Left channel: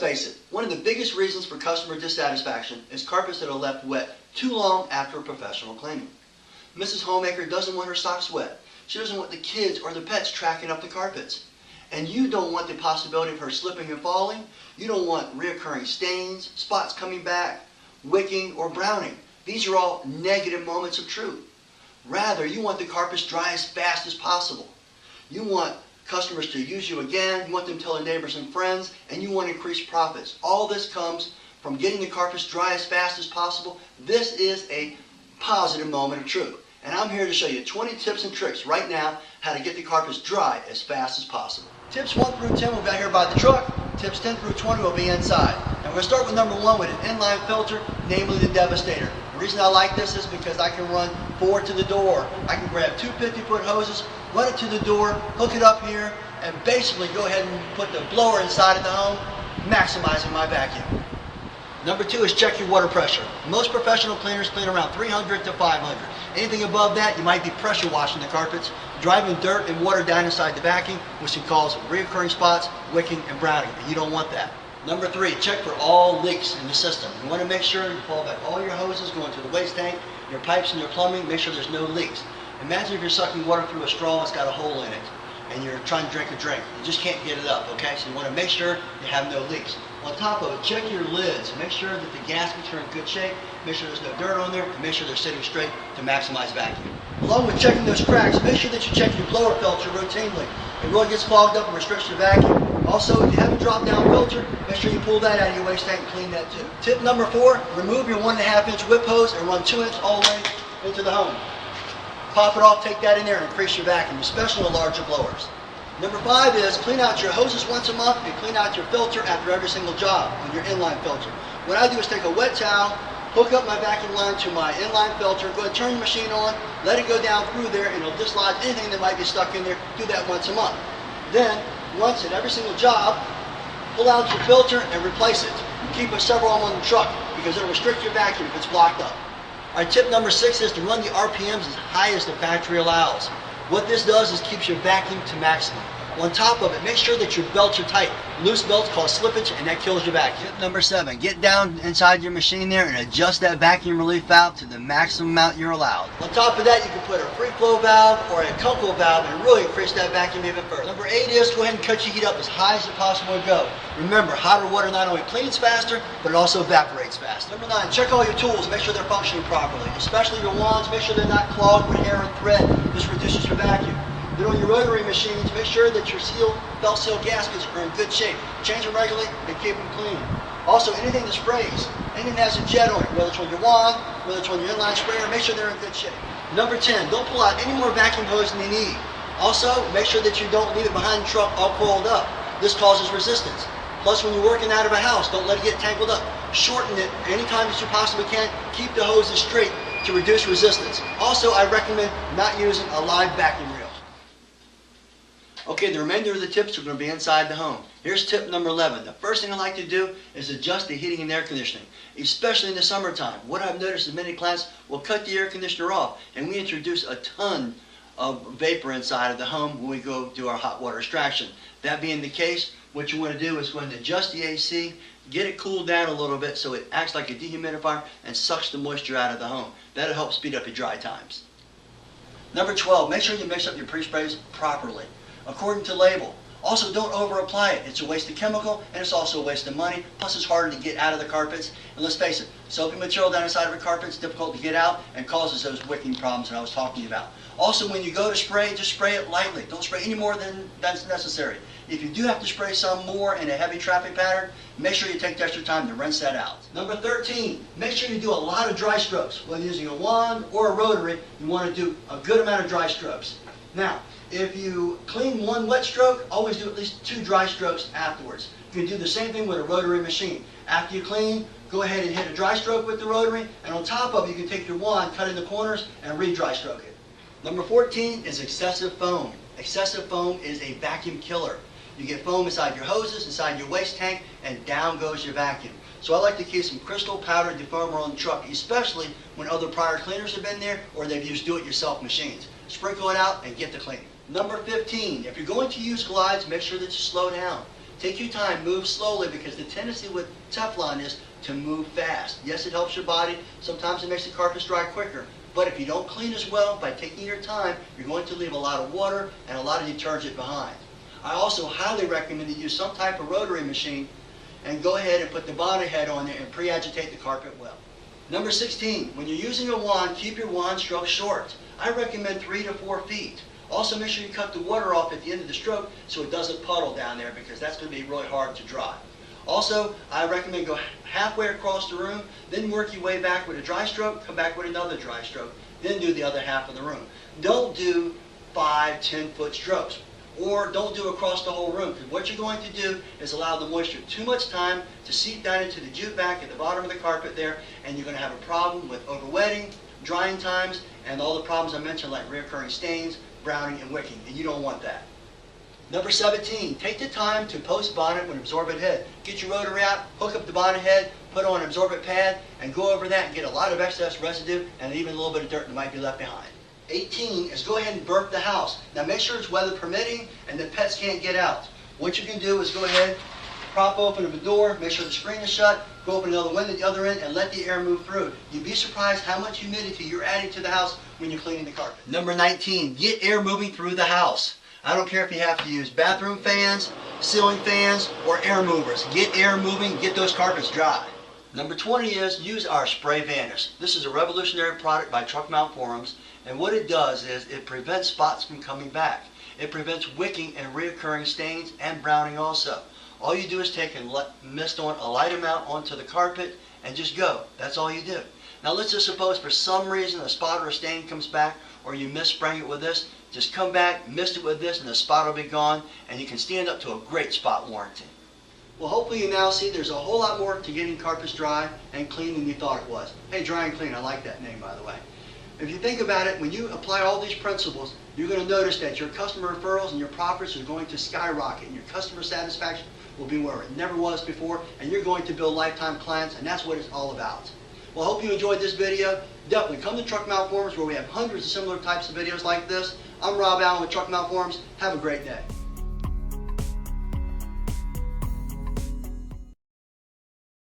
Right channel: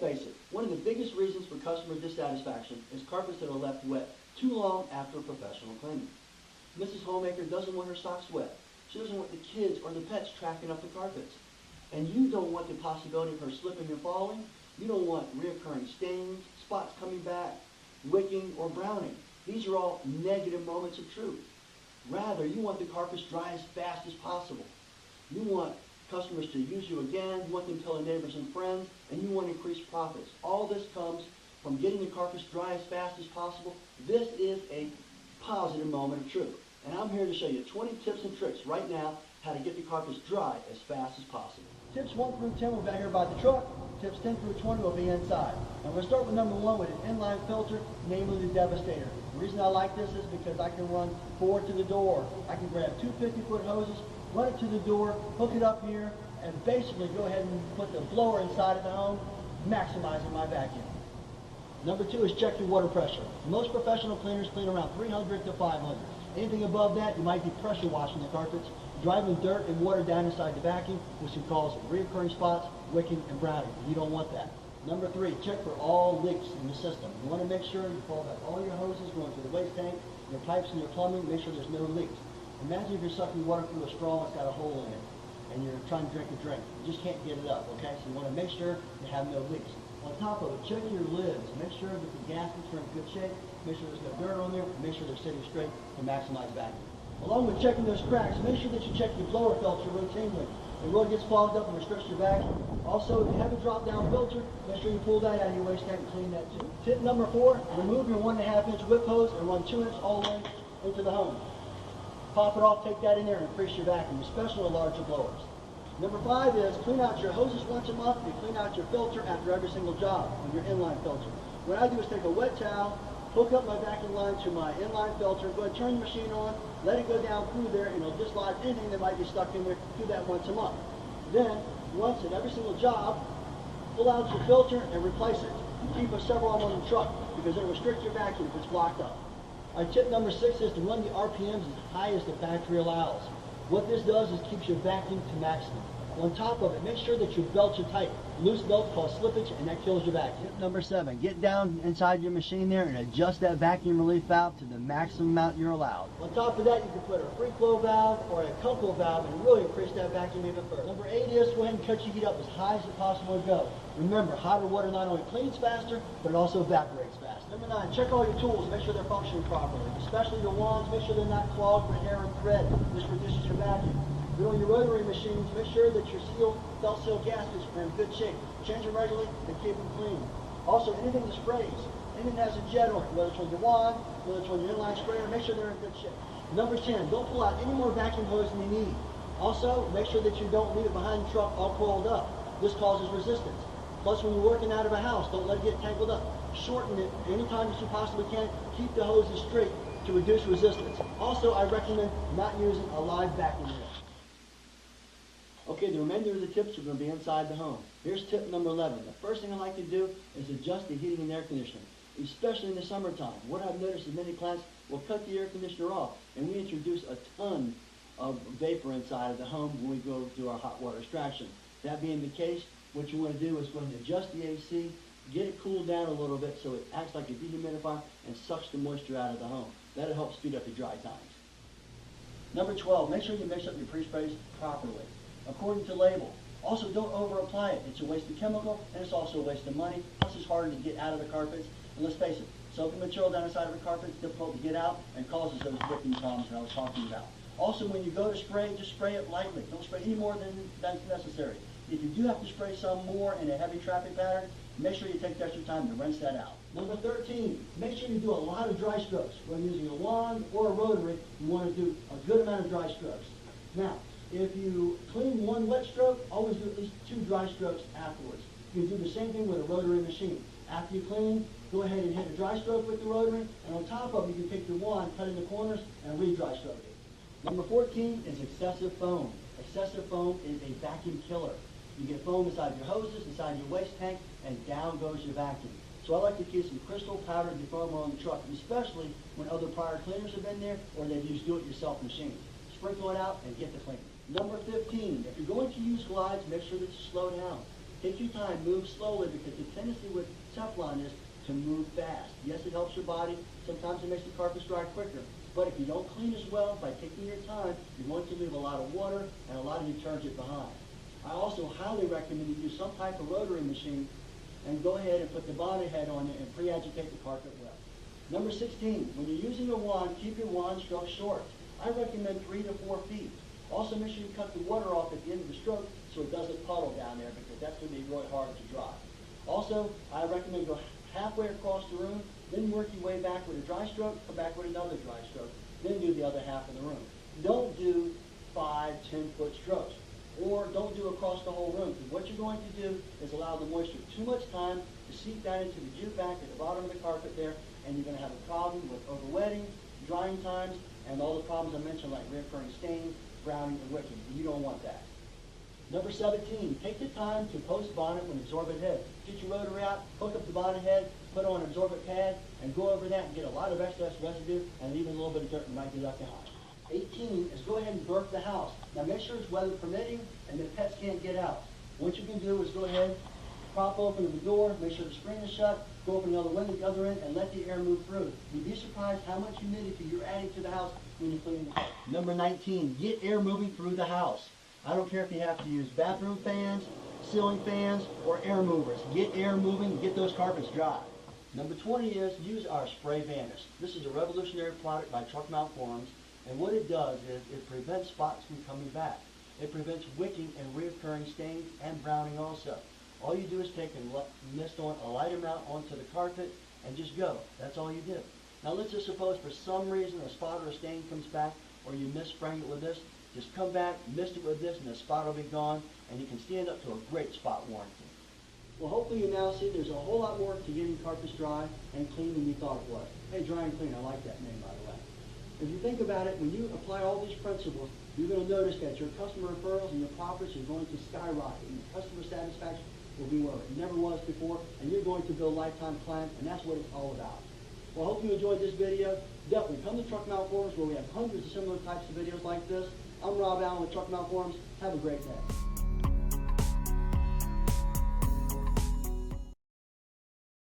face it, one of the biggest reasons for customer dissatisfaction is carpets that are left wet too long after a professional cleaning. Mrs. Homemaker doesn't want her socks wet. She doesn't want the kids or the pets tracking up the carpets. And you don't want the possibility of her slipping and falling. You don't want reoccurring stains, spots coming back, wicking, or browning. These are all negative moments of truth. Rather, you want the carpets dry as fast as possible. You want customers to use you again, you want them to tell their neighbors and friends, and you want to increase profits. All this comes from getting the carpets dry as fast as possible. This is a positive moment of truth. And I'm here to show you 20 tips and tricks right now how to get the carpets dry as fast as possible. Tips 1 through 10 will be out here by the truck. Tips 10 through 20 will be inside. And we're going to start with number 1 with an inline filter, namely the Devastator. The reason I like this is because I can run forward to the door. I can grab 2 50-foot hoses, run it to the door, hook it up here, and basically go ahead and put the blower inside of the home, maximizing my vacuum. Number 2 is check your water pressure. Most professional cleaners clean around 300 to 500. Anything above that, you might be pressure washing the carpets, driving dirt and water down inside the vacuum, which can cause reoccurring spots, wicking, and browning, and you don't want that. Number 3, check for all leaks in the system. You want to make sure you pull back all your hoses going to the waste tank, your pipes and your plumbing, make sure there's no leaks. Imagine if you're sucking water through a straw that's got a hole in it, and you're trying to drink a drink. You just can't get it up, okay? So you want to make sure you have no leaks. On top of it, check your lids. Make sure that the gaskets are in good shape. Make sure there's no dirt on there. And make sure they're sitting straight to maximize vacuum. Along with checking those cracks, make sure that you check your blower filter routinely. It really gets clogged up and restricts your vacuum. Also, if you have a drop-down filter, make sure you pull that out of your waste tank and clean that too. Tip number 4, remove your 1.5-inch whip hose and run 2 inch all the way into the home. Pop it off, take that in there, and increase your vacuum, especially on larger blowers. Number 5 is clean out your hoses once a month and clean out your filter after every single job on your inline filter. What I do is take a wet towel, hook up my vacuum line to my inline filter, go ahead and turn the machine on, let it go down through there, and it'll dislodge anything that might be stuck in there. Do that once a month. Then, once at every single job, pull out your filter and replace it. Keep several of them on the truck because it'll restrict your vacuum if it's blocked up. All right, tip number 6 is to run the RPMs as high as the factory allows. What this does is keeps your vacuum to maximum. On top of it, make sure that your belts are tight. Loose belts cause slippage and that kills your vacuum. Tip number 7, get down inside your machine there and adjust that vacuum relief valve to the maximum amount you're allowed. On top of that, you can put a free flow valve or a Kunkel valve and really increase that vacuum even further. Number 8 is go ahead and cut your heat up as high as it possibly go. Remember, hotter water not only cleans faster, but it also evaporates faster. Number 9, check all your tools, make sure they're functioning properly. Especially your wands, make sure they're not clogged with hair and thread. This reduces your vacuum. Then on your rotary machines, make sure that your belt seal gaskets are in good shape. Change them regularly and keep them clean. Also, anything that sprays, anything that has a jet on it, whether it's on your wand, whether it's on your inline sprayer, make sure they're in good shape. Number 10, don't pull out any more vacuum hose than you need. Also, make sure that you don't leave it behind the truck all coiled up. This causes resistance. Plus, when you're working out of a house, don't let it get tangled up. Shorten it anytime that you possibly can. Keep the hoses straight to reduce resistance. Also, I recommend not using a live vacuum reel. Okay, the remainder of the tips are going to be inside the home. Here's tip number 11. The first thing I like to do is adjust the heating and air conditioning, especially in the summertime. What I've noticed is many clients will cut the air conditioner off, and we introduce a ton of vapor inside of the home when we go do our hot water extraction. That being the case, what you want to do is go ahead and adjust the AC, get it cooled down a little bit so it acts like a dehumidifier and sucks the moisture out of the home. That'll help speed up your dry times. Number 12, make sure you mix up your pre-sprays properly, according to label. Also, don't over-apply it. It's a waste of chemical, and it's also a waste of money. Plus, it's harder to get out of the carpets. And let's face it, soapy material down inside of a carpet is difficult to get out and causes those wicking problems that I was talking about. Also, when you go to spray, just spray it lightly. Don't spray any more than that's necessary. If you do have to spray some more in a heavy traffic pattern, make sure you take the extra time to rinse that out. Number 13, make sure you do a lot of dry strokes. Whether using a wand or a rotary, you want to do a good amount of dry strokes. Now, if you clean one wet stroke, always do at least 2 dry strokes afterwards. You can do the same thing with a rotary machine. After you clean, go ahead and hit a dry stroke with the rotary, and on top of it, you can take your wand, cut in the corners, and re-dry stroke it. Number 14 is excessive foam. Excessive foam is a vacuum killer. You get foam inside your hoses, inside your waste tank, and down goes your vacuum. So I like to keep some crystal powder defoamer on the truck, especially when other prior cleaners have been there or they've used do-it-yourself machines. Sprinkle it out and get to cleaning. Number 15, if you're going to use glides, make sure that you slow down. Take your time, move slowly, because the tendency with Teflon is to move fast. Yes, it helps your body. Sometimes it makes the carpets dry quicker. But if you don't clean as well, by taking your time, you're going to leave a lot of water and a lot of detergent behind. I also highly recommend that you use some type of rotary machine and go ahead and put the bonnet head on there and pre-agitate the carpet well. Number 16, when you're using a wand, keep your wand stroke short. I recommend 3 to 4 feet. Also make sure you cut the water off at the end of the stroke so it doesn't puddle down there, because that's going to be really hard to dry. Also, I recommend go halfway across the room, then work your way back with a dry stroke, come back with another dry stroke, then do the other half of the room. Don't do 5, 10-foot strokes, or don't do across the whole room, because what you're going to do is allow the moisture too much time to seep down into the jute back at the bottom of the carpet there, and you're going to have a problem with overwetting, drying times, and all the problems I mentioned like recurring stains, browning, and wicking, and you don't want that. Number 17, take the time to post bonnet with an absorbent head. Get your rotary out, hook up the bonnet head, put on an absorbent pad, and go over that and get a lot of excess residue and even a little bit of dirt that might be left behind. 18 is go ahead and burp the house. Now make sure it's weather permitting and the pets can't get out. What you can do is go ahead, prop open the door, make sure the screen is shut, go open another window at the other end, and let the air move through. You'd be surprised how much humidity you're adding to the house when you're cleaning the carpet. Number 19, get air moving through the house. I don't care if you have to use bathroom fans, ceiling fans, or air movers. Get air moving, get those carpets dry. Number 20 is use our Spray Vanish. This is a revolutionary product by Truck Mount Forums, and what it does is it prevents spots from coming back. It prevents wicking and reoccurring stains and browning also. All you do is take and mist on a light amount onto the carpet and just go. That's all you do. Now let's just suppose for some reason a spot or a stain comes back, or you mis-spraying it with this. Just come back, mist it with this, and the spot will be gone, and you can stand up to a great spot warranty. Well, hopefully you now see there's a whole lot more to getting carpets dry and clean than you thought it was. Hey, Dry and Clean, I like that name, by the way. If you think about it, when you apply all these principles, you're going to notice that your customer referrals and your profits are going to skyrocket, and your customer satisfaction will be where it never was before, and you're going to build lifetime clients, and that's what it's all about. Well, I hope you enjoyed this video. Definitely come to Truck Mount Forums, where we have hundreds of similar types of videos like this. I'm Rob Allen with Truck Mount Forums. Have a great day.